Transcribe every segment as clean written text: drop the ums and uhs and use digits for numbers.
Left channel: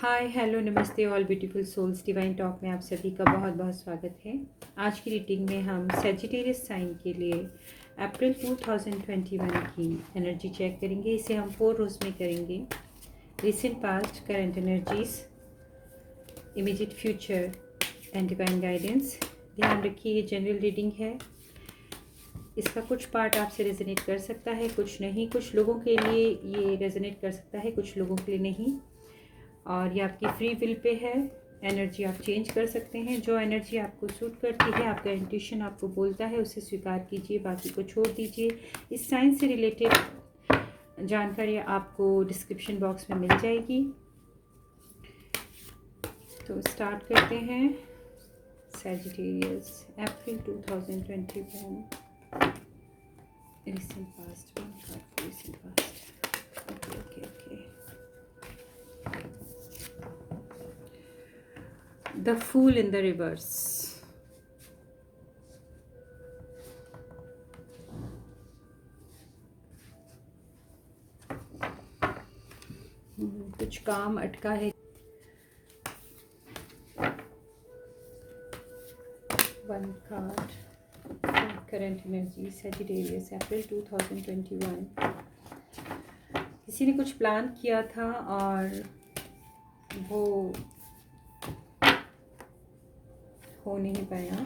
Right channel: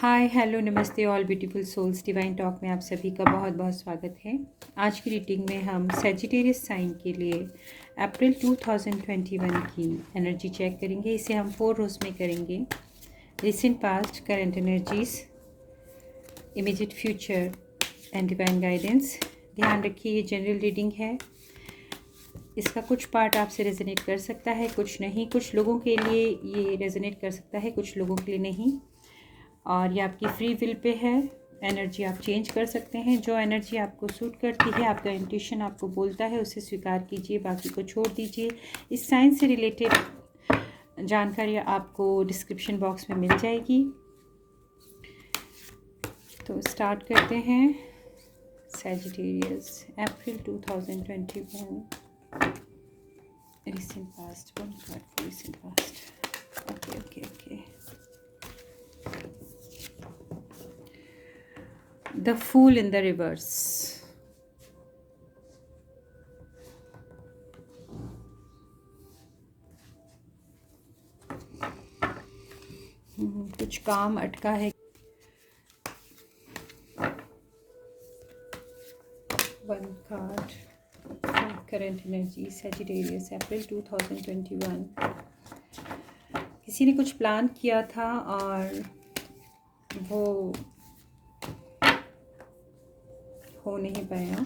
हाय hello namaste all beautiful souls divine talk में आप सभी का बहुत बहुत स्वागत है। आज की रीडिंग में हम सेजिटेरियस साइन के लिए अप्रैल 2021 की एनर्जी चेक करेंगे। इसे हम 4 रोज में करेंगे। Recent past, current energies, immediate future and divine guidance. ध्यान रखिए ये जनरल रीडिंग है। इसका कुछ पार्ट आपसे रेजोनेट कर सकता है, कुछ नहीं। कुछ लोगों के लिए ये रेजोनेट कर सकता है, कुछ लोगों के लिए नहीं। और ये आपकी फ्री विल पे है। एनर्जी आप चेंज कर सकते हैं। जो एनर्जी आपको सूट करती है, आपका इंट्यूशन आपको बोलता है, उसे स्वीकार कीजिए, बाकी को छोड़ दीजिए। इस साइंस से रिलेटेड जानकारी आपको डिस्क्रिप्शन बॉक्स में मिल जाएगी। तो स्टार्ट करते हैं। Sagittarius April 2021 recent past, one card for recent past. Okay okay okay. The Fool in the reverse. कुछ काम अटका है। One card current energy Sagittarius April 2021। किसी ने कुछ प्लान किया था और वो हो नहीं पाया।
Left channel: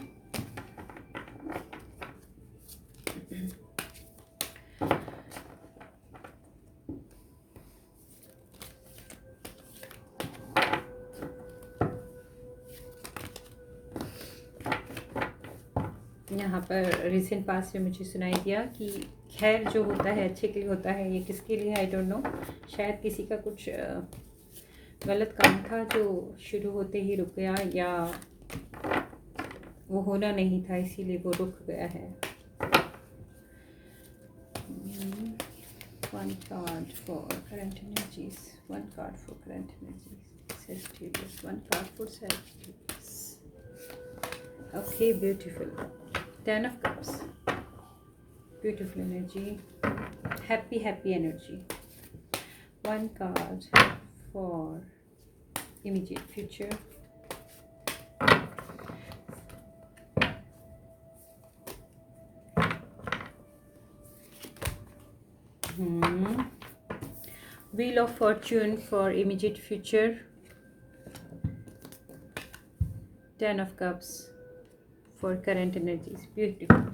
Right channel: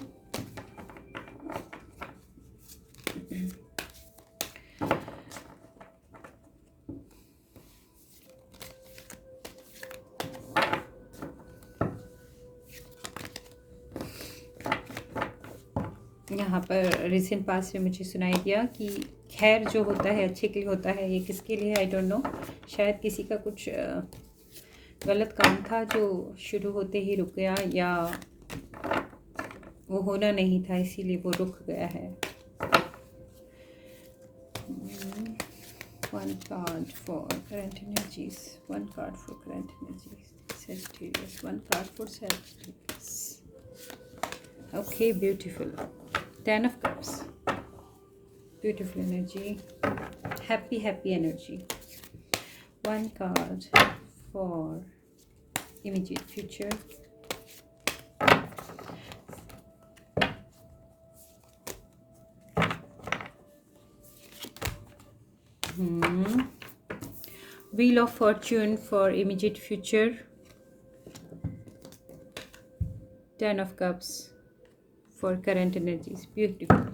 यहाँ पर रिसेंट पास्ट में मुझे सुनाई दिया कि खैर जो होता है अच्छे के लिए होता है। ये किसके लिए आई डोंट नो। शायद किसी का कुछ गलत काम था जो शुरू होते ही रुक गया, या वो होना नहीं था इसीलिए वो रुक गया है। One card for current energies, one card for current energies Sagittarius, one card for Sagittarius. Okay, beautiful. 10 of cups, beautiful energy, happy energy. One card for immediate future. Wheel of Fortune for immediate future. 10 of Cups for current energies. Beautiful.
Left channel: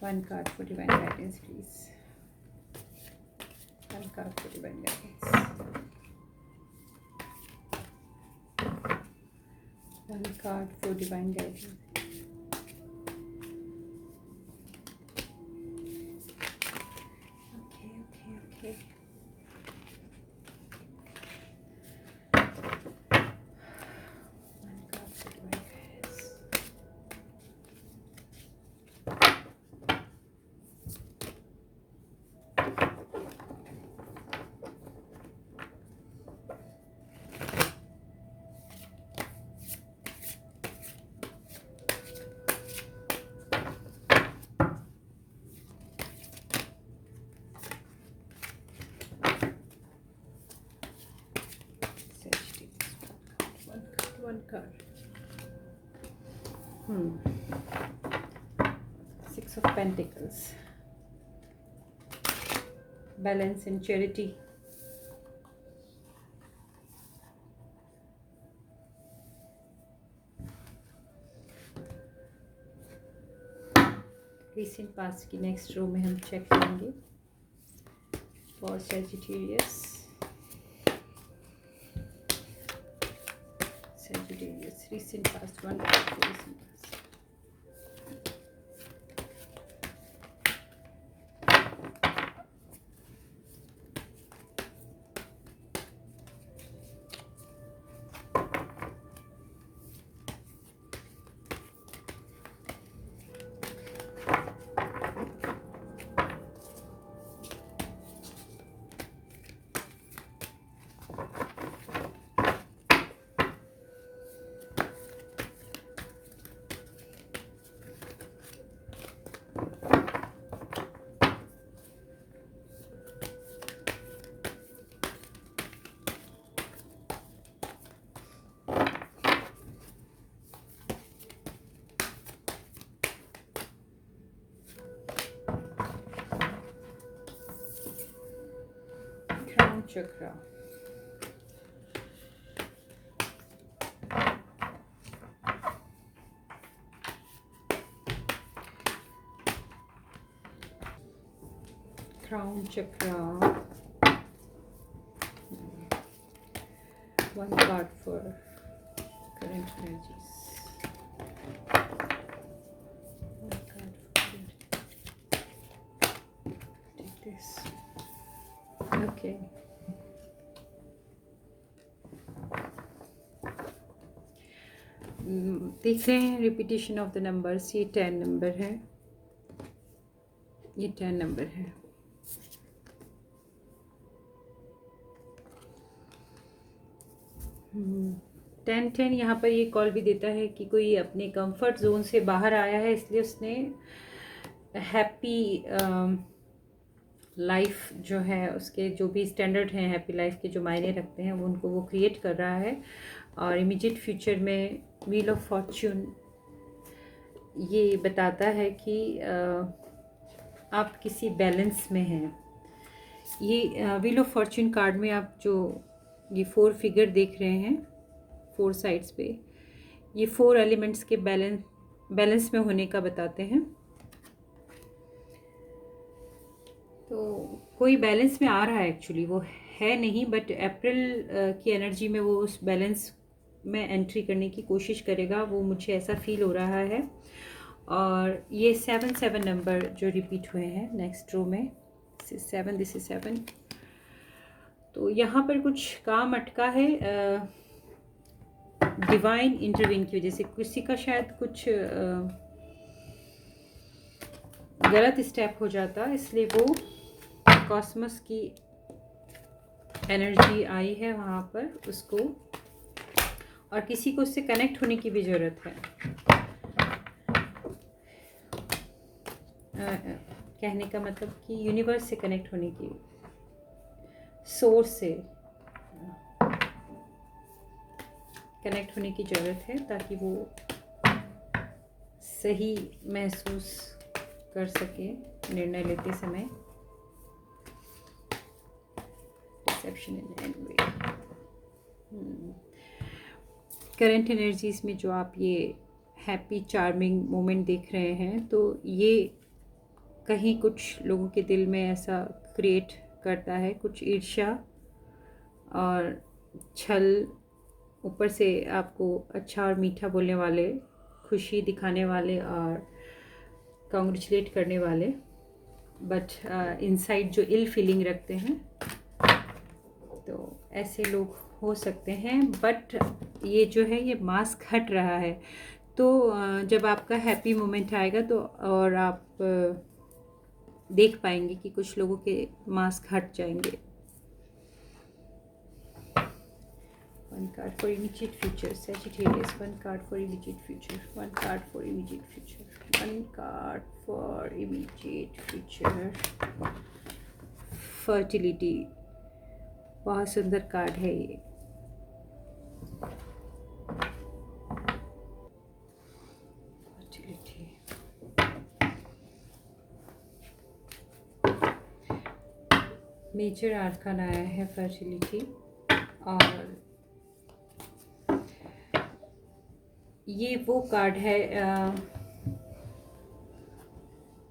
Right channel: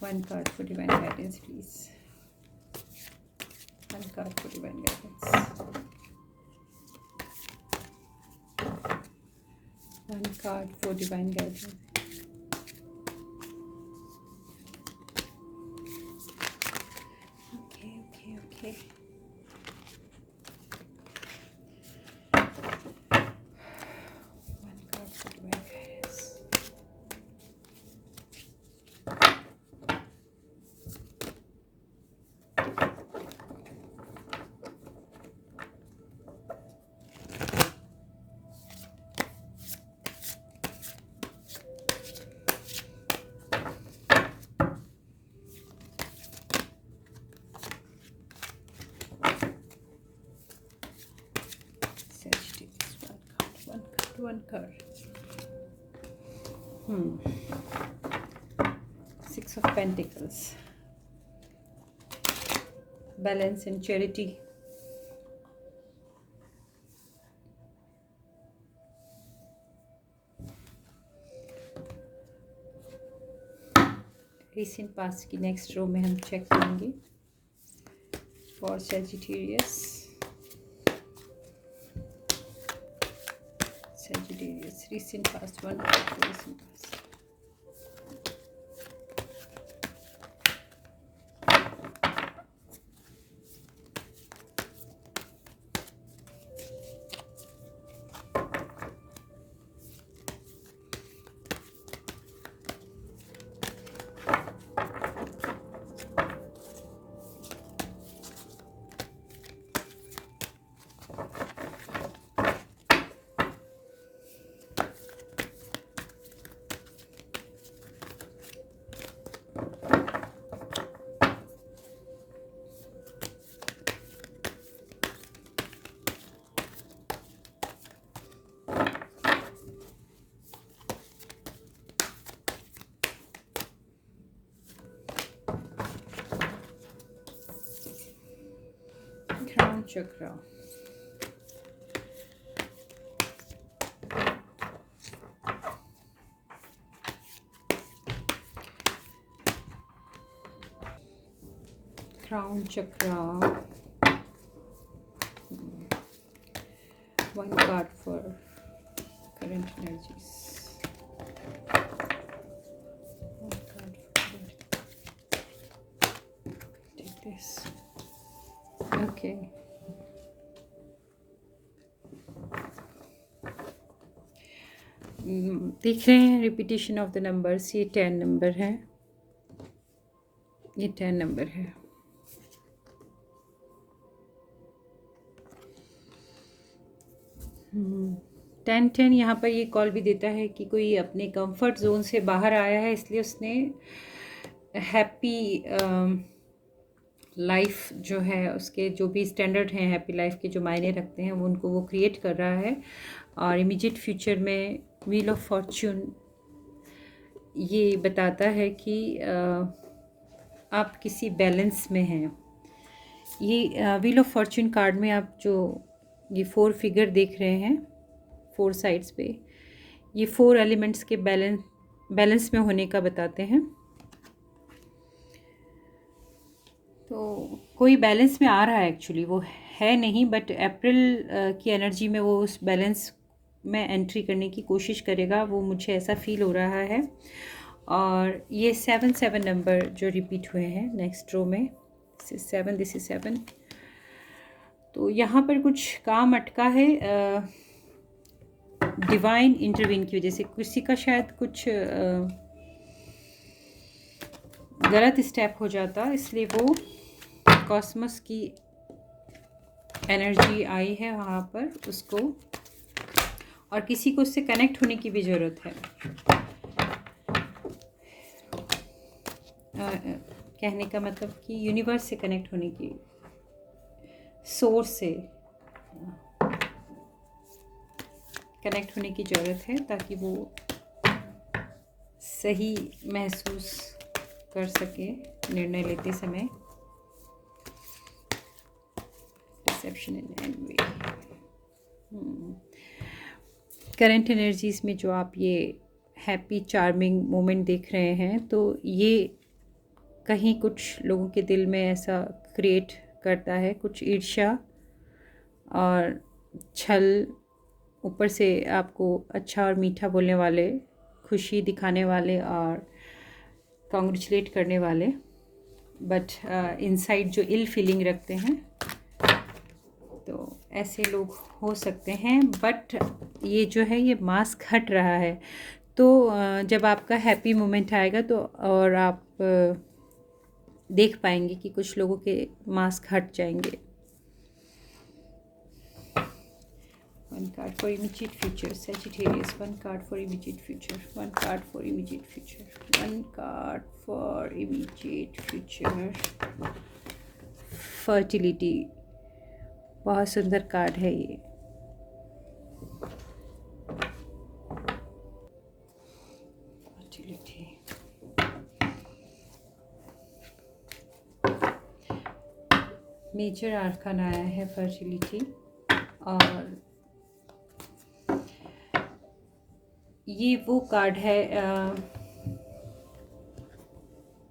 One card for divine guidance, please. One card for divine guidance. One card for divine guidance. Okay. One card. Six of Pentacles. Balance and charity. Recent past की next row में हम check करेंगे for Sagittarius. Sagittarius, recent past, one card for recent past. Chakra, crown chakra, one card for current energies. One card for take this. Okay. देख रहे हैं repetition of the numbers, ये 10 number है, ये 10 number है। Ten ten यहाँ पर ये कॉल भी देता है कि कोई अपने कंफर्ट जोन से बाहर आया है, इसलिए उसने हैप्पी लाइफ जो है, उसके जो भी स्टैंडर्ड हैं हैप्पी लाइफ के जो मायने रखते हैं, वो उनको वो क्रिएट कर रहा है। और इमीडिएट फ्यूचर में व्हील ऑफ फॉर्च्यून ये बताता है कि आप किसी बैलेंस में हैं। ये व्हील ऑफ फॉर्च्यून कार्ड में आप जो ये 4 फिगर देख रहे हैं 4 साइड्स पे, ये 4 एलिमेंट्स के बैलेंस में होने का बताते हैं। तो कोई बैलेंस में आ रहा है, एक्चुअली वो है नहीं, बट अप्रैल की एनर्जी में वो उस बैलेंस में एंट्री करने की कोशिश करेगा, वो मुझे ऐसा फील हो रहा है। और ये 7 नंबर जो रिपीट हुए हैं नेक्स्ट रो में, दिस इज 7, दिस इज 7। तो यहाँ पर कुछ काम अटका है डिवाइन इंटरवीन की वजह से। किसी का शायद कुछ गलत स्टेप हो जाता, इसलिए वो कॉस्मस की एनर्जी आई है वहाँ पर उसको, और किसी को उससे कनेक्ट होने की भी ज़रूरत है। कहने का मतलब कि यूनिवर्स से कनेक्ट होने की, सोर्स से कनेक्ट होने की ज़रूरत है, ताकि वो सही महसूस कर सके निर्णय लेते समय। Perception and way. Current energies में जो आप ये हैप्पी चार्मिंग मोमेंट देख रहे हैं, तो ये कहीं कुछ लोगों के दिल में ऐसा क्रिएट करता है, कुछ ईर्ष्या और छल, ऊपर से आपको अच्छा और मीठा बोलने वाले, खुशी दिखाने वाले और कॉन्ग्रेचुलेट करने वाले, बट इनसाइड जो इल फीलिंग रखते हैं, तो ऐसे लोग हो सकते हैं। बट ये जो है ये मास्क हट रहा है, तो जब आपका हैप्पी मोमेंट आएगा तो और आप देख पाएंगे कि कुछ लोगों के मास्क हट जाएंगे। One card for immediate future, Sagittarius. One card for immediate future. One card for immediate future. One card for immediate future. Fertility. बहुत सुंदर कार्ड है ये। Fertility. मेजर आर्कन आया है फर्टिलिटी, और ये वो कार्ड है,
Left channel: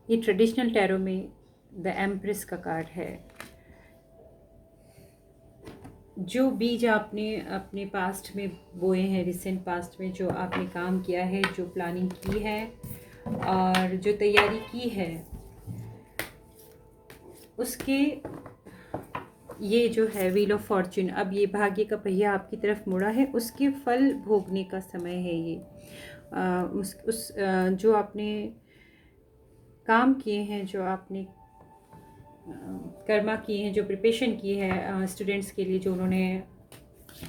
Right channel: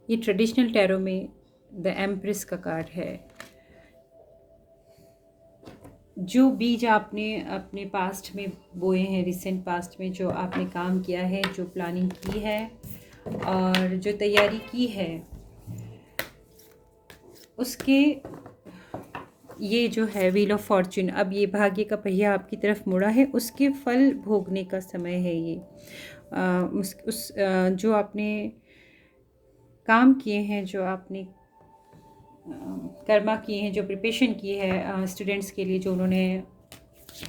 ये ट्रेडिशनल टैरो में द एम्प्रेस का कार्ड है। जो बीज आपने अपने पास्ट में बोए हैं, रिसेंट पास्ट में जो आपने काम किया है, जो प्लानिंग की है और जो तैयारी की है, उसके ये जो है व्हील ऑफ फॉर्च्यून, अब ये भाग्य का पहिया आपकी तरफ मुड़ा है, उसके फल भोगने का समय है ये। जो आपने काम किए हैं, जो आपने कर्मा किए हैं, जो प्रिपरेशन की है स्टूडेंट्स के लिए, जो उन्होंने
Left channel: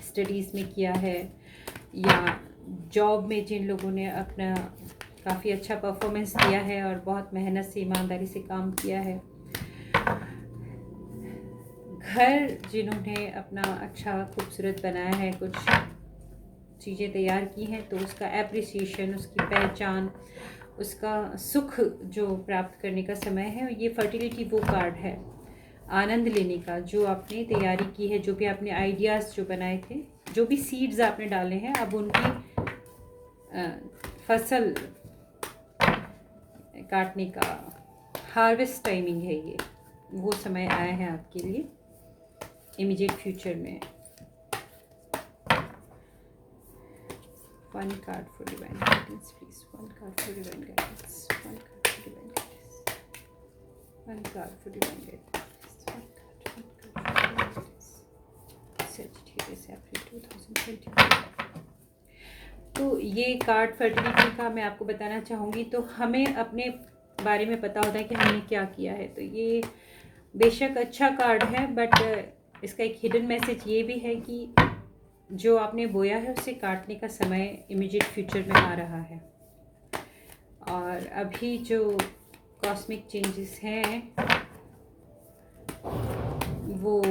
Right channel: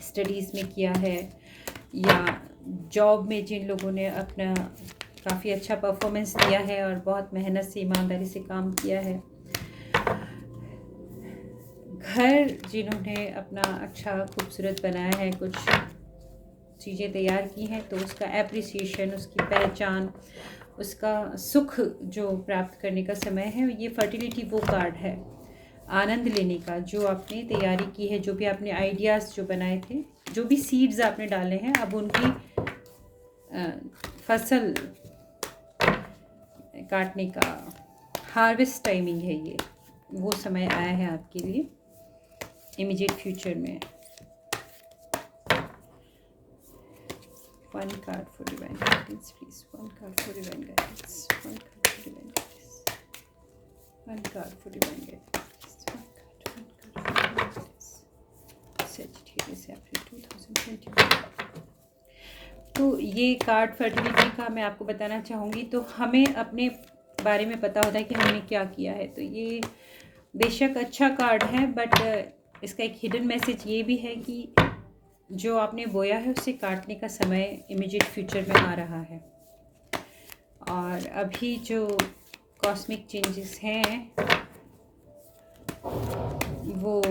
स्टडीज़ में किया है, या जॉब में जिन लोगों ने अपना काफ़ी अच्छा परफॉर्मेंस दिया है और बहुत मेहनत से ईमानदारी से काम किया है, घर जिन्होंने अपना अच्छा खूबसूरत बनाया है, कुछ चीज़ें तैयार की हैं, तो उसका एप्रिसिएशन, उसकी पहचान, उसका सुख जो प्राप्त करने का समय है, ये फर्टिलिटी वो कार्ड है। आनंद लेने का, जो आपने तैयारी की है, जो भी आपने आइडियाज़ जो बनाए थे, जो भी सीड्स आपने डाले हैं, अब उनकी फसल काटने का हार्वेस्ट टाइमिंग है ये, वो समय आया है आपके लिए इमीडिएट फ्यूचर में। One card for divine guidance please, one card for divine guidance, one card for divine guidance, one card for divine guidance, one card Sagittarius April 2021। तो ये कार्ड फर्टिलिटी का मैं आपको बताना चाहूँगी। तो हमें अपने बारे में पता होता है कि हमने क्या किया है, तो ये बेशक अच्छा कार्ड है, बट इसका एक हिडन मैसेज ये भी है कि जो आपने बोया है उसे काटने का समय इमीडिएट फ्यूचर में आ रहा है। और अभी जो कॉस्मिक चेंजेस हैं वो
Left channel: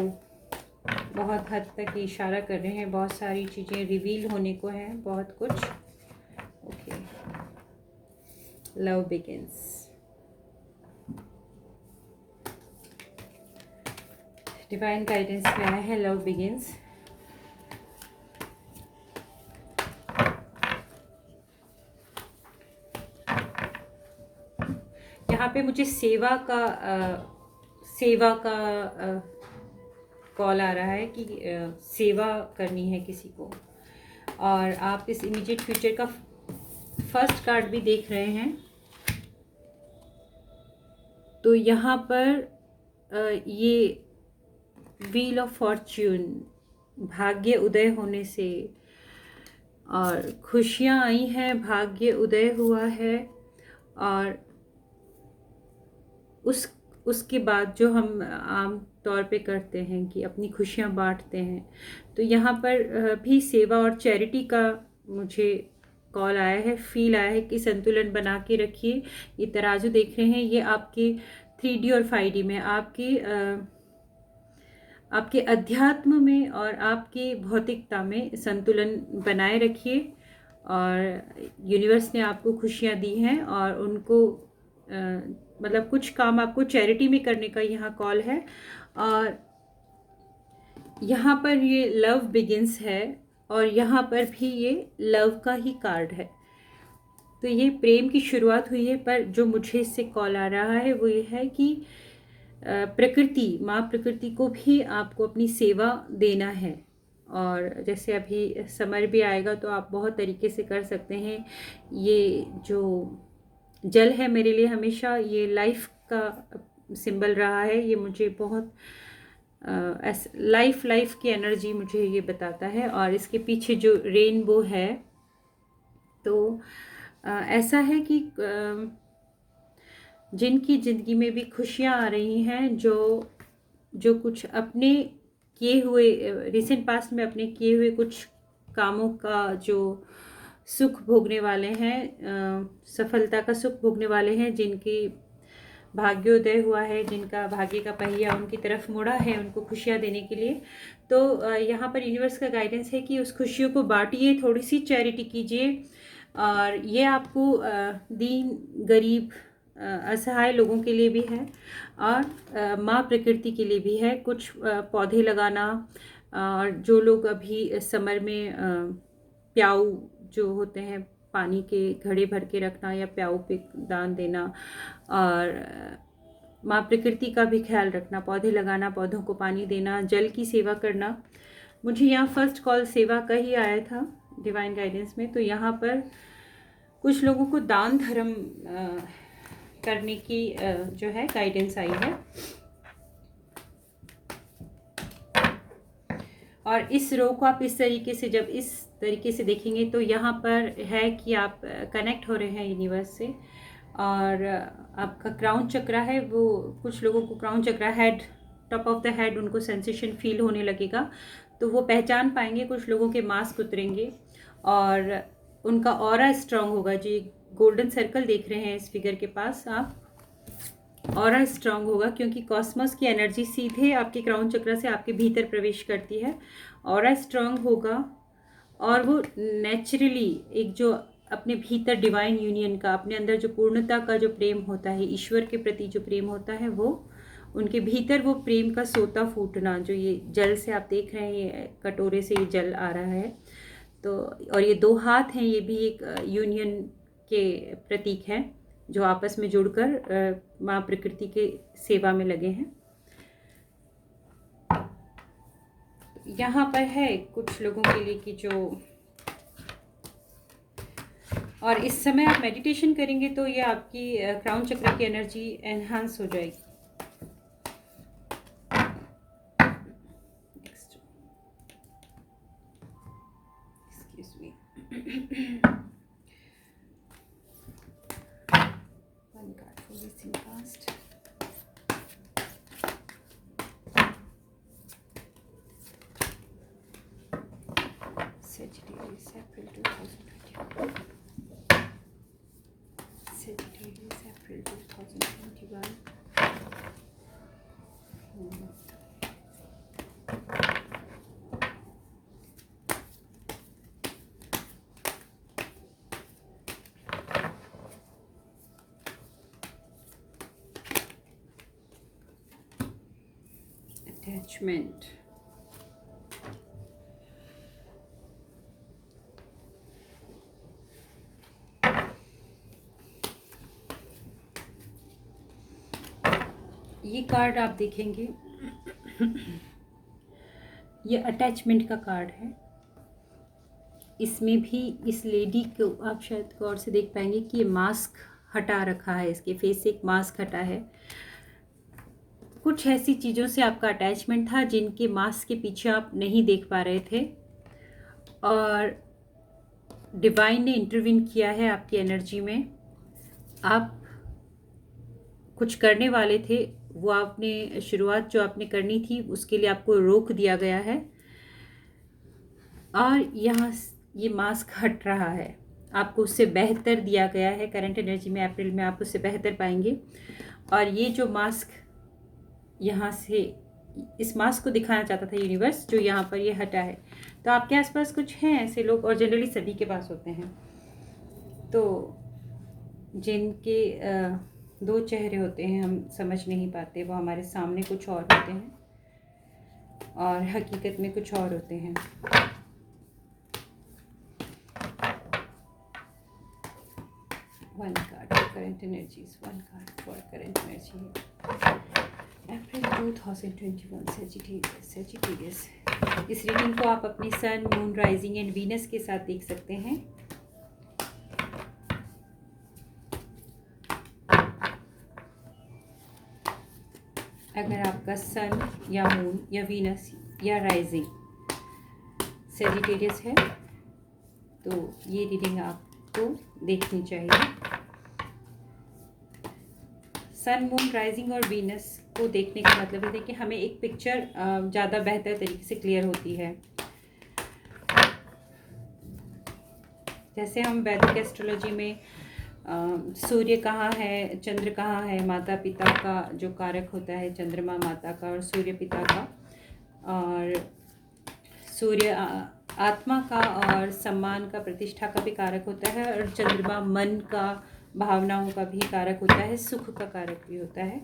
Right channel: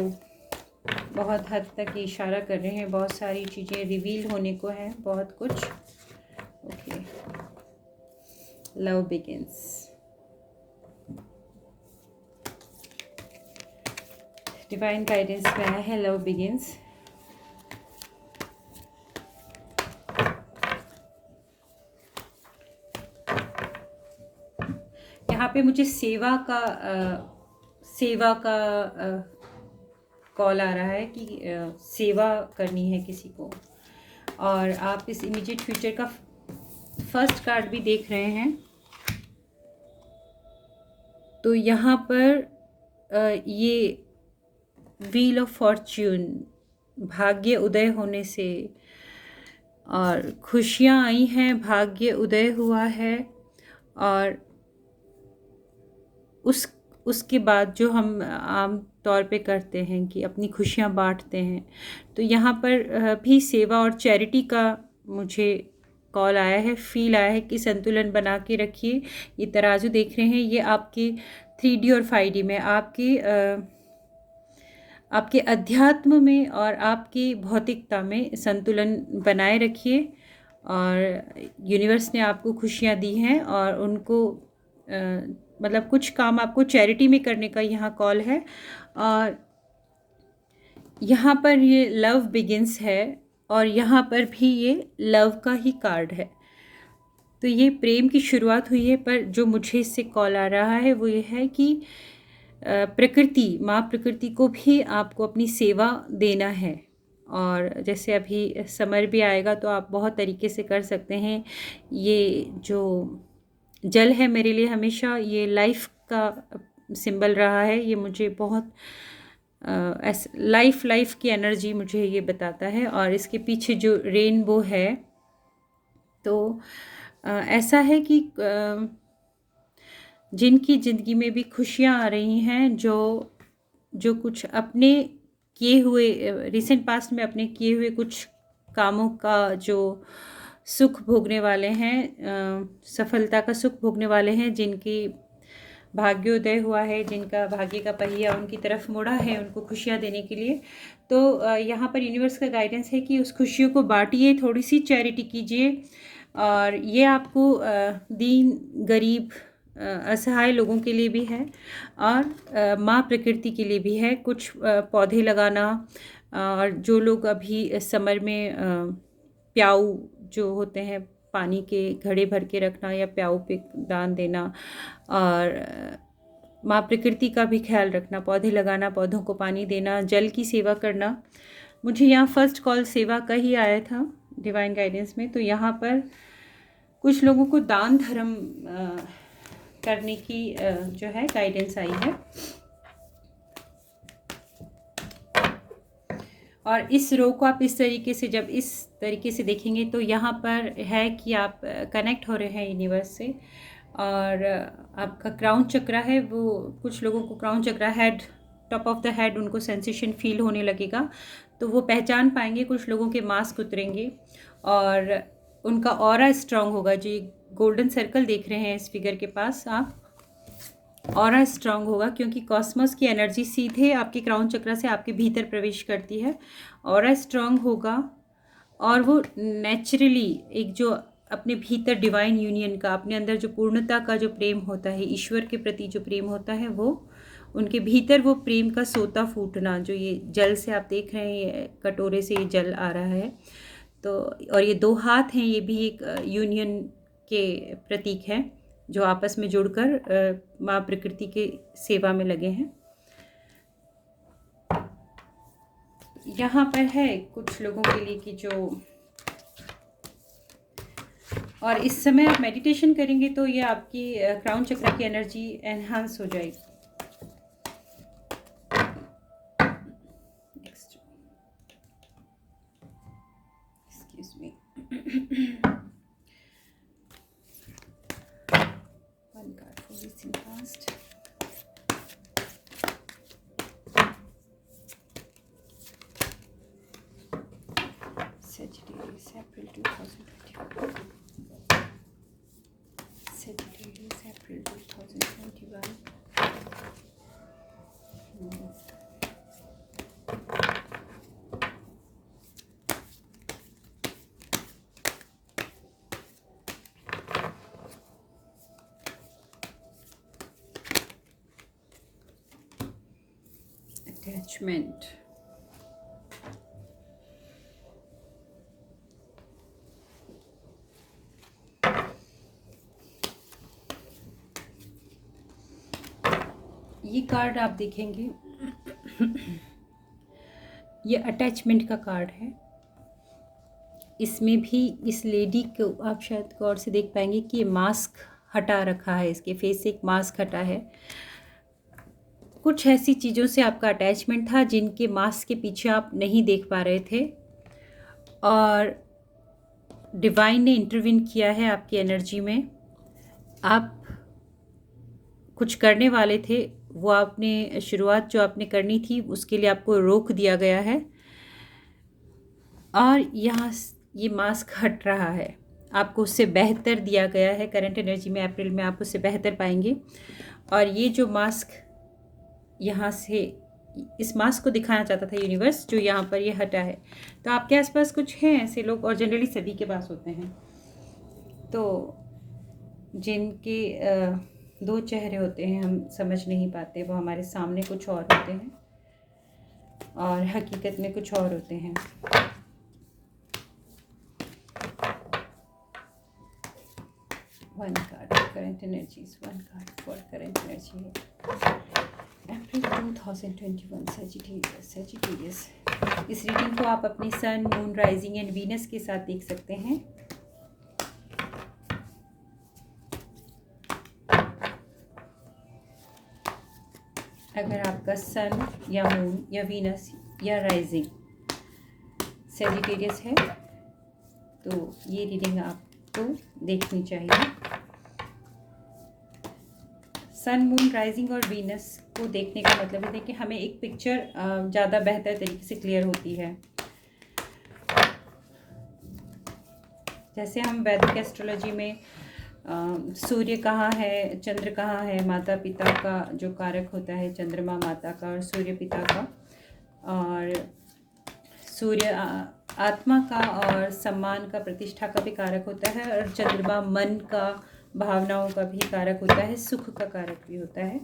बहुत हद तक इशारा कर रहे हैं, बहुत सारी चीज़ें रिवील होने को हैं, बहुत कुछ। Okay, love begins, divine guidance में आया है लव बिगिंस। यहाँ पे मुझे सेवा का कॉल आ रहा है कि सेवा करनी है किसी को, और आप इस इमीडिएट फ्यूचर का फर्स्ट कार्ड भी देख रहे हैं। तो यहाँ पर ये व्हील ऑफ फॉर्च्यून, भाग्य उदय होने से, और खुशियाँ आई हैं, भाग्य उदय हुआ है, और उसके बाद जो हम आम तौर पे करते हैं कि अपनी खुशियाँ बांटते हैं, तो यहाँ पर भी सेवा और चैरिटी का मुझे कॉल आया है, फील आया है कि संतुलन बना के रखिए। ये तराजू देख रहे हैं, ये आपके 3D और 5D में आपके अध्यात्म में और आपकी भौतिकता में संतुलन बनाए रखिए। और यूनिवर्स ने आपको खुशियाँ दी हैं, और उनको मतलब कुछ काम आपको चैरिटी में करने का यहाँ कॉल है। और यहाँ पर ये लव बिगिंस है, और यहाँ पर भी ये लव का ही कार्ड है। तो ये प्रेम की शुरुआत हुई है, पर जो मुझे इससे कॉल आ रहा है वो ये है कि प्रकृति, माँ प्रकृति को भी आपको अपनी सेवा देना है। और जैसे अभी समर भी आएगा तो आप बहुत तरीके से कर सकते हैं। ये जो जल है मेरे लिए हमेशा ये लाइफ का सिंबल रहा है, ये मुझे बहुत लाइफ की एनर्जी मुझे ये बताता है। और इसके पीछे जो रेनबो है, तो ऐसा है कि जिनकी ज़िंदगी में भी खुशियाँ आ रही हैं, जो कुछ अपने किए हुए रिसेंट पास्ट में अपने किए हुए कुछ कामों का जो सुख भोगने वाले हैं, सफलता का सुख भोगने वाले हैं, जिनकी भाग्योदय हुआ है, जिनका भाग्य का पहिया उनकी तरफ मुड़ा है उनको खुशियाँ देने के लिए। तो यहाँ पर यूनिवर्स का गाइडेंस है कि उस खुशियों को बांटिए, थोड़ी सी चैरिटी कीजिए। और ये आपको दीन गरीब असहाय लोगों के लिए भी है, और माँ प्रकृति के लिए भी है। कुछ पौधे लगाना, और जो लोग अभी समर में प्याऊ जो होते हैं, पानी के घड़े भर के रखना या प्याऊ पे दान देना, और माँ प्रकृति का भी ख्याल रखना, पौधे लगाना, पौधों को पानी देना, जल की सेवा करना। मुझे यहाँ फर्स्ट कॉल सेवा का ही आया था डिवाइन गाइडेंस में। तो यहाँ पर कुछ लोगों को दान धर्म करने की जो है गाइडेंस आई है। और इस रो को आप इस तरीके से, जब इस तरीके से देखेंगे तो यहाँ पर है कि आप कनेक्ट हो रहे हैं यूनिवर्स से। और आपका क्राउन चक्र है, वो कुछ लोगों को क्राउन चक्र, head, top of the head, उनको सेंसेशन फील होने लगेगा, तो वो पहचान पाएंगे। कुछ लोगों के मास्क उतरेंगे और उनका ऑरा स्ट्रांग होगा। जो गोल्डन सर्कल देख रहे हैं इस फिगर के पास आप, ऑरा स्ट्रांग होगा, क्योंकि कॉस्मोस की एनर्जी सीधे आपके क्राउन चक्र से आपके भीतर प्रवेश करती है। ऑरा स्ट्रांग होगा, और वो नेचुरली एक जो अपने भीतर डिवाइन यूनियन का, अपने अंदर जो पूर्णता का जो प्रेम होता है, ईश्वर के प्रति जो प्रेम होता है, वो उनके भीतर वो प्रेम का सोता फूटना, जो ये जल से आप देख रहे हैं, कटोरे से ये जल आ रहा है, तो और ये दो हाथ हैं, ये भी एक यूनियन के प्रतीक हैं जो आपस में जुड़कर माँ प्रकृति के सेवा में लगे हैं। यहाँ पर है कुछ लोगों के लिए कि जो, और इस समय आप मेडिटेशन करेंगे तो ये आपकी क्राउन चक्र की एनर्जी एनहांस हो जाएगी। Excuse me. One card for listening fast. Sagittarius, April 2021. Sagittarius, April 2021. Attachment. ये कार्ड आप देखेंगे, ये अटैचमेंट का कार्ड है। इसमें भी इस लेडी को आप शायद गौर से देख पाएंगे कि ये मास्क हटा रखा है, इसके फेस से एक मास्क हटा है। कुछ ऐसी चीज़ों से आपका अटैचमेंट था जिनके मास्क के पीछे आप नहीं देख पा रहे थे, और डिवाइन ने इंटरवीन किया है आपकी एनर्जी में। आप कुछ करने वाले थे, वो आपने शुरुआत जो आपने करनी थी उसके लिए आपको रोक दिया गया है, और यहाँ ये मास्क हट रहा है, आपको उससे बेहतर दिया गया है। करंट एनर्जी में अप्रैल में आप उससे बेहतर पाएंगे। और ये जो मास्क यहाँ से, इस मास्क को दिखाना चाहता था यूनिवर्स, जो यहाँ पर ये हटा है। तो आपके आसपास कुछ हैं ऐसे लोग, और जनरली सभी के पास होते हैं, तो जिनके दो चेहरे होते हैं, हम समझ नहीं पाते, वो हमारे सामने कुछ और होते हैं और हकीकत में कुछ और होते हैं। One card for current energies, one card for current energy April 2021 Sagittarius. इस रीडिंग को आप अपनी सन, मून, राइजिंग एंड वीनस के साथ देख सकते हैं। अगर आपका सन या मून या वीनस या राइजिंग सेजिटेरियस है तो ये रीडिंग आपको देखनी चाहिए। सन, मून, राइजिंग और वीनस को देखने का मतलब है कि हमें एक पिक्चर ज़्यादा बेहतर तरीके से क्लियर होती है। जैसे हम वैदिक एस्ट्रोलॉजी में सूर्य कहाँ है, चंद्र कहाँ है, माता पिता का जो कारक होता है, चंद्रमा माता का और सूर्य पिता का, और सूर्य आत्मा का और सम्मान का, प्रतिष्ठा का भी कारक होता है, और चंद्रमा मन का, भावनाओं का भी कारक होता है, सुख का कारक भी होता है।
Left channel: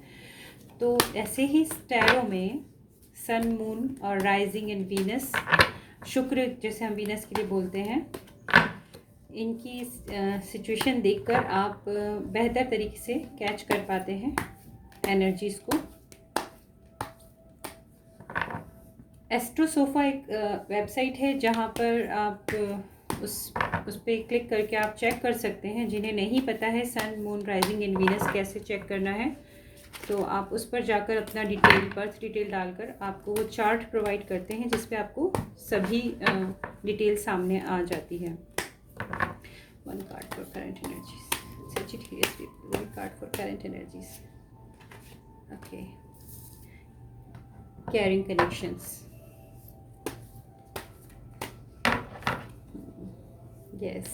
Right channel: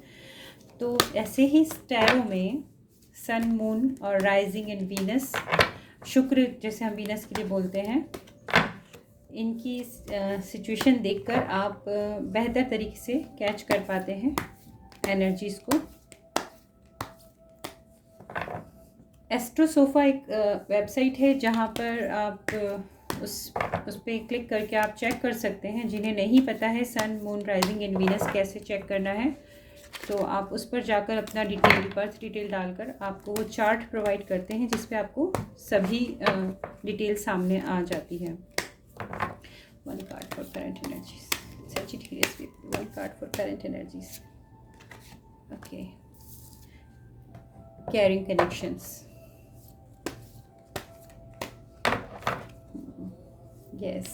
तो ऐसे ही टैरो में सन, मून और राइजिंग एंड वीनस, शुक्र जैसे हम वीनस के लिए बोलते हैं, इनकी सिचुएशन देखकर आप बेहतर तरीके से कैच कर पाते हैं एनर्जीज को। एस्ट्रोसोफा एक वेबसाइट है जहां पर आप उस पर क्लिक करके आप चेक कर सकते हैं। जिन्हें नहीं पता है सन, मून, राइजिंग एंड वीनस कैसे चेक करना है, तो आप उस पर जाकर अपना डिटेल, बर्थ डिटेल डालकर आपको वो चार्ट प्रोवाइड करते हैं जिसपे आपको सभी डिटेल सामने आ जाती है। One card for current energies. Sagittarius, one card for current energies. Okay. Caring connections. Yes.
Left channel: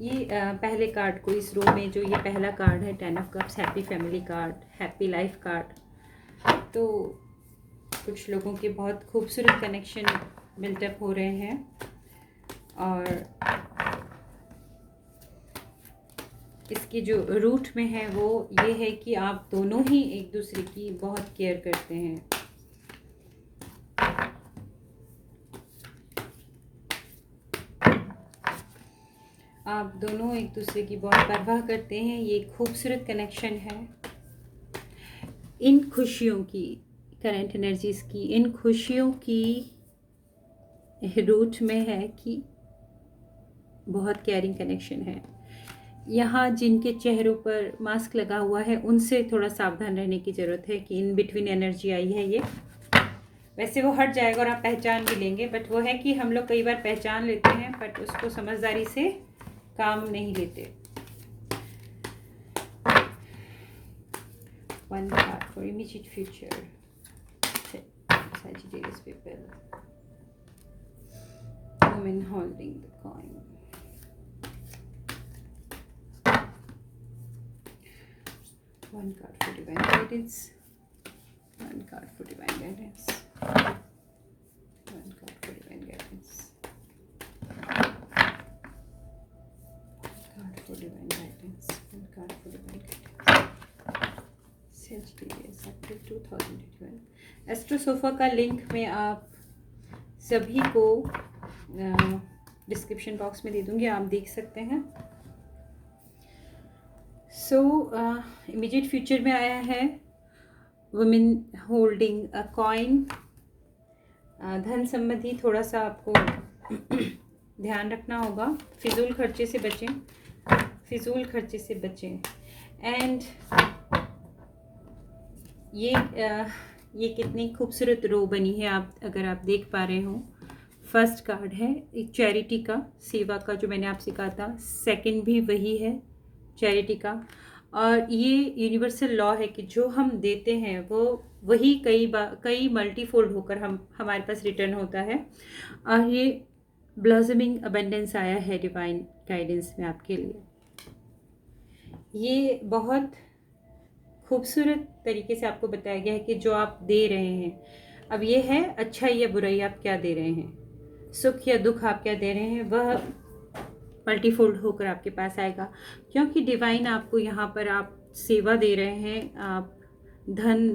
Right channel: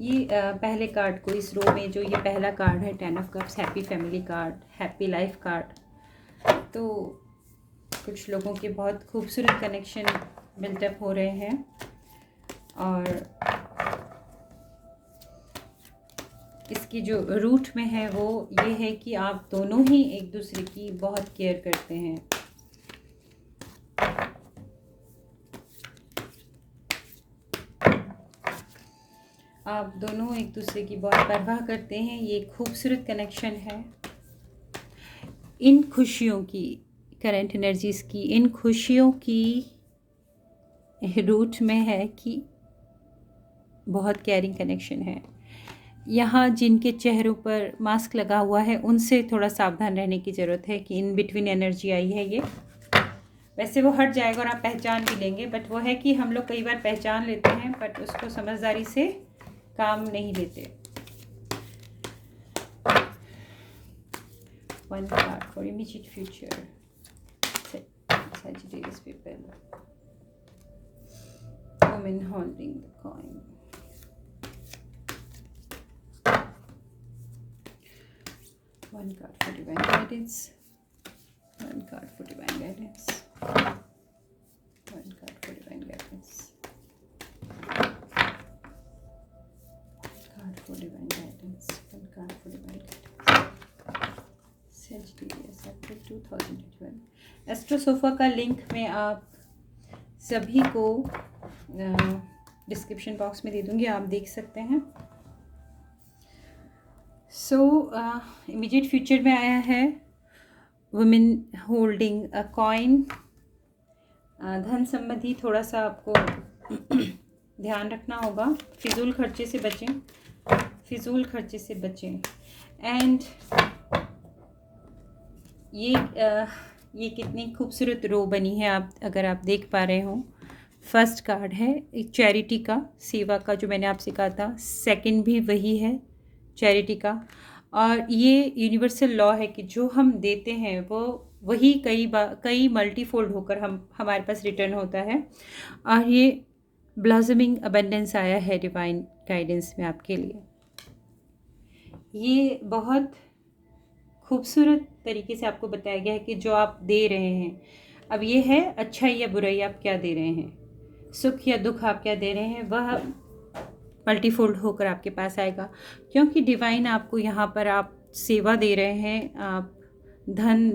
ये पहले कार्ड को इस रो में, जो ये पहला कार्ड है, 10 of cups, happy family card, happy life card. तो कुछ लोगों के बहुत खूबसूरत कनेक्शन बिल्डअप हो रहे हैं, और इसकी जो रूट में है वो ये है कि आप दोनों ही एक दूसरे की बहुत केयर करते हैं। आप दोनों एक दूसरे की बहुत परवाह करते हैं। ये खूबसूरत कनेक्शन है। इन खुशियों की, करंट एनर्जीज की, इन खुशियों की रूट में है कि बहुत केयरिंग कनेक्शन है। यहाँ जिनके चेहरों पर मास्क लगा हुआ है उनसे थोड़ा सावधान रहने की ज़रूरत है कि इन बिटवीन एनर्जी आई है ये। वैसे वो हट जाएगा और आप पहचान भी लेंगे, बट वो है कि हम लोग कई बार पहचान लेते हैं बट उसको समझदारी से काम नहीं लेते। One card for immediate future. Sagittarius people. Woman holding the coin. One card for divine guidance. One card for divine guidance. One card for divine guidance. Card for divine guidance. One card for divine guidance. Sagittarius, April 2021. एस्ट्रोसोफा का link मैं आप सभी को description box में दे दूंगी, आप देख सकते हैं। सो इमीडिएट फ्यूचर में आया है वुमेन होल्डिंग अ कॉइन। धन संबंधी थोड़ा सा आपको ध्यान रखना होगा। फिजूल खर्चे से बचें, फिजूल खर्चे से बचें। एंड ये कितनी खूबसूरत रो बनी है, आप अगर आप देख पा रहे हो। फर्स्ट कार्ड है एक चैरिटी का, सेवा का, जो मैंने आपसे कहा था। सेकंड भी वही है, चैरिटी का। और ये यूनिवर्सल लॉ है कि जो हम देते हैं वो वही कई मल्टीफोल्ड होकर हमारे पास रिटर्न होता है। और ये ब्लॉसमिंग अबेंडेंस आया है डिवाइन गाइडेंस में आपके लिए। ये बहुत खूबसूरत तरीके से आपको बताया गया है कि जो आप दे रहे हैं, अब ये है अच्छाई या बुराई आप क्या दे रहे हैं, सुख या दुख आप क्या दे रहे हैं, वह मल्टीफोल्ड होकर आपके पास आएगा। क्योंकि डिवाइन आपको यहाँ पर, आप सेवा दे रहे हैं, आप धन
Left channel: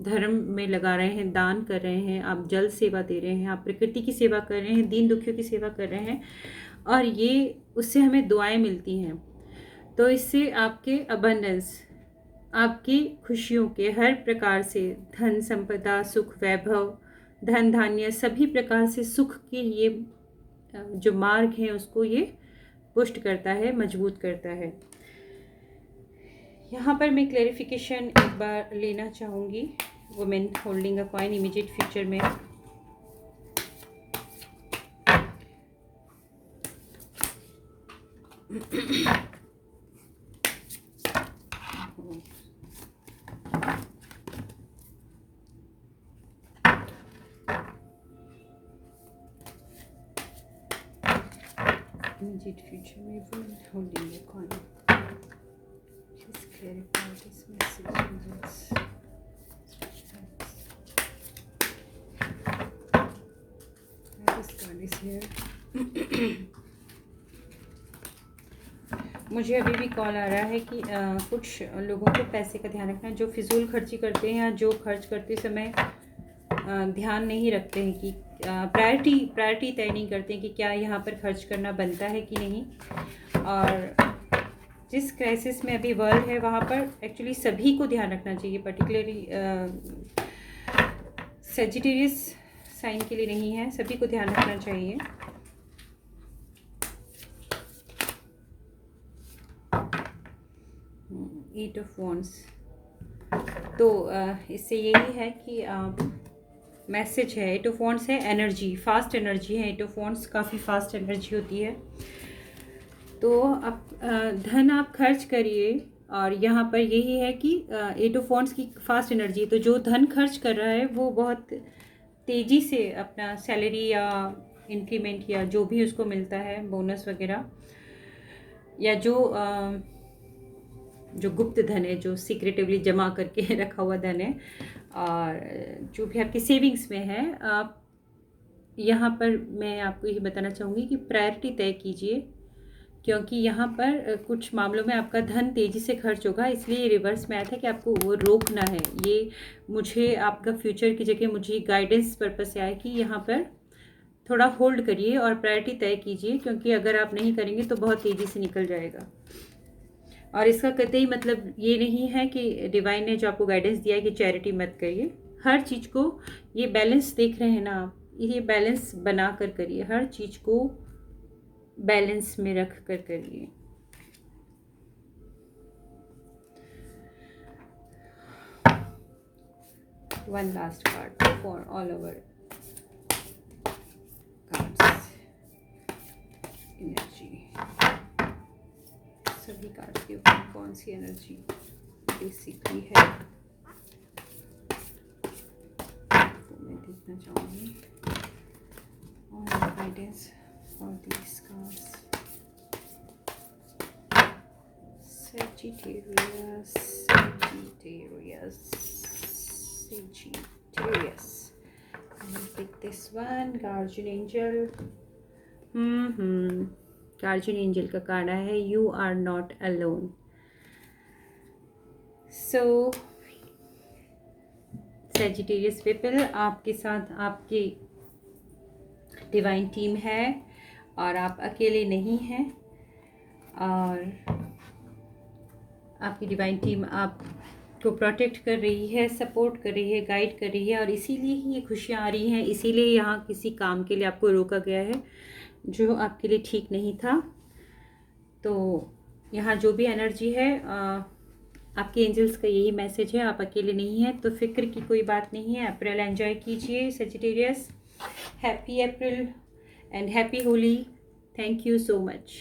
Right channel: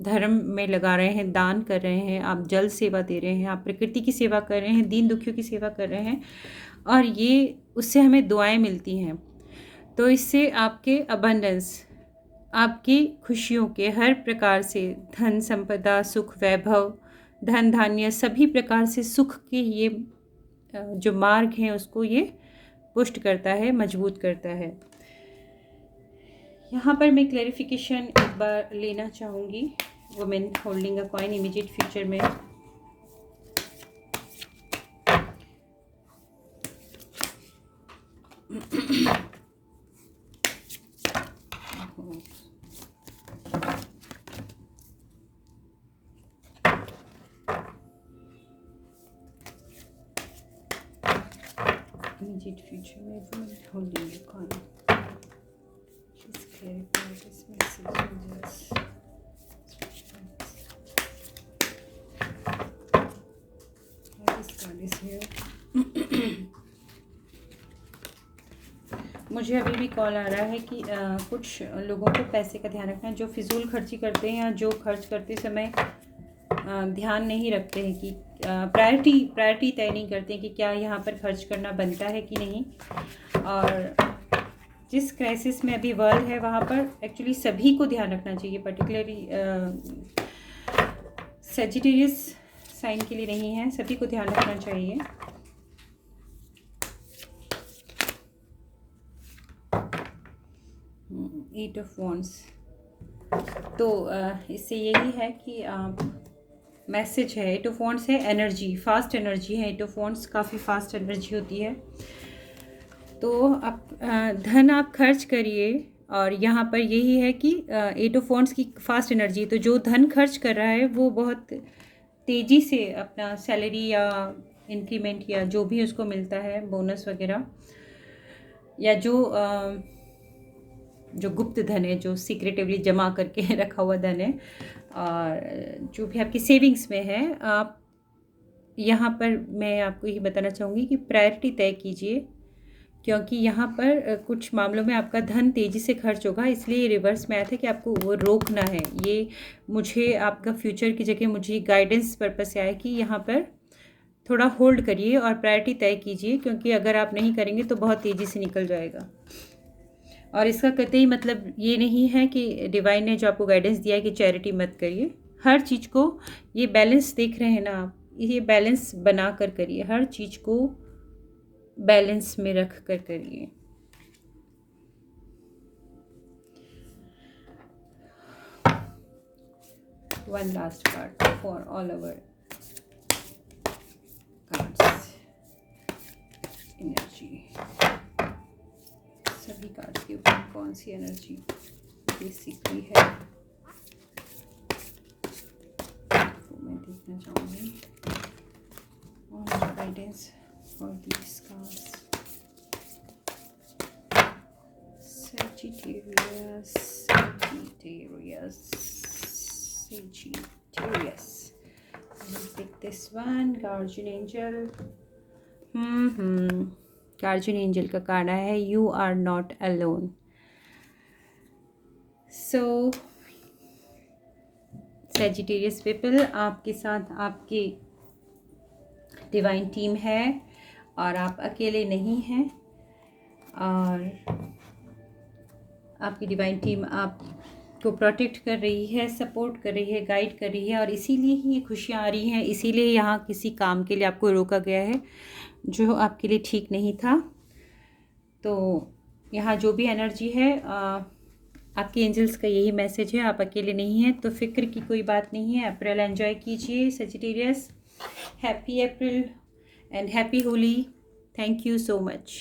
धर्म में लगा रहे हैं, दान कर रहे हैं, आप जल सेवा दे रहे हैं, आप प्रकृति की सेवा कर रहे हैं, दीन दुखियों की सेवा कर रहे हैं, और ये उससे हमें दुआएं मिलती हैं। तो इससे आपके अबंडेंस, आपकी खुशियों के हर प्रकार से, धन संपदा, सुख वैभव, धन धान्य, सभी प्रकार से सुख के ये जो मार्ग हैं उसको ये पुष्ट करता है, मजबूत करता है। यहाँ पर मैं क्लैरिफिकेशन एक बार लेना चाहूँगी women holding a coin immediate future में। Immediate future में women holding a coin. Please clarify this message. This card is here. मुझे अभी भी कॉल आ रहा है कि कुछ लोगों को पैसे का ध्यान रखना, जो फिजूल खर्ची करते हैं या जो खर्च करते समय ध्यान नहीं रखते हैं कि प्रायोरिटी तय नहीं करते कि क्या यहाँ पर खर्च करना बनता है कि नहीं। और जिस क्राइसिस में अभी वर्ल्ड है वहाँ पर एक्चुअली सभी को ध्यान रखना चाहिए, पर्टिकुलरली सेजिटेरियस साइन के लिए नहीं है, सभी को ध्यान रखना चाहिए। एट ऑफ वॉन्ड्स, तो इससे यही है कि मैसेज है, एट ऑफ वॉन्ड्स है, एनर्जी, फास्ट एनर्जी है। एट ऑफ वॉन्ड्स काफ़ी फास्ट एनर्जी होती है। तो आप धन आप खर्च करिए, और यहाँ पर यही है कि एट ऑफ वॉन्ड्स की फास्ट एनर्जी, तो जो धन खर्च कर रहा है वो बहुत तेज़ी से अपना सैलरी या इंक्रीमेंट या जो भी उसको मिलता है, बोनस वगैरह, या जो गुप्त धन है, जो सीक्रेटिवली जमा करके रखा हुआ धन है, और जो भी आपकी सेविंग्स में है, आप यहाँ पर मैं आपको ये बताना चाहूँगी कि प्रायोरिटी तय कीजिए क्योंकि यहाँ पर कुछ मामलों में आपका धन तेज़ी से खर्च होगा, इसलिए ये रिवर्स में आया था कि आपको वो रोकना है। ये मुझे आपका फ्यूचर की जगह मुझे गाइडेंस पर्पस से आया कि यहाँ पर थोड़ा होल्ड करिए और प्रायोरिटी तय कीजिए, क्योंकि अगर आप नहीं करेंगे तो बहुत तेज़ी से निकल जाएगा। और इसका कतई मतलब ये नहीं है कि डिवाइन ने जो आपको गाइडेंस दिया है कि चैरिटी मत करिए। हर चीज़ को, ये बैलेंस देख रहे हैं ना आप, ये बैलेंस बना कर करिए, हर चीज़ को बैलेंस में रख कर करिए। One last card for all over cards energy. सभी कार्ड्स के ऊपर कौन सी एनर्जी बेसिकली है तो मैं देखना चाहूँगी। Guidance for these cards. Sagittarius. I will pick this one. Guardian Angel. Guardian Angel का कार्ड है You are not alone. So Sagittarius people, आपके साथ आपकी डिवाइन टीम है और आप अकेले नहीं हैं। और आपकी डिवाइन टीम आपको प्रोटेक्ट कर रही है, सपोर्ट कर रही है, गाइड कर रही है, और इसीलिए ही ये खुशियाँ आ रही हैं। इसीलिए यहाँ किसी काम के लिए आपको रोका गया है जो आपके लिए ठीक नहीं था। तो यहाँ जो भी एनर्जी है, आपके एंजल्स का यही मैसेज है, आप अकेले नहीं हैं। तो फिक्र की कोई बात नहीं है। अप्रैल एंजॉय कीजिए Sagittarius. Happy April and happy Holi. Thank you so much.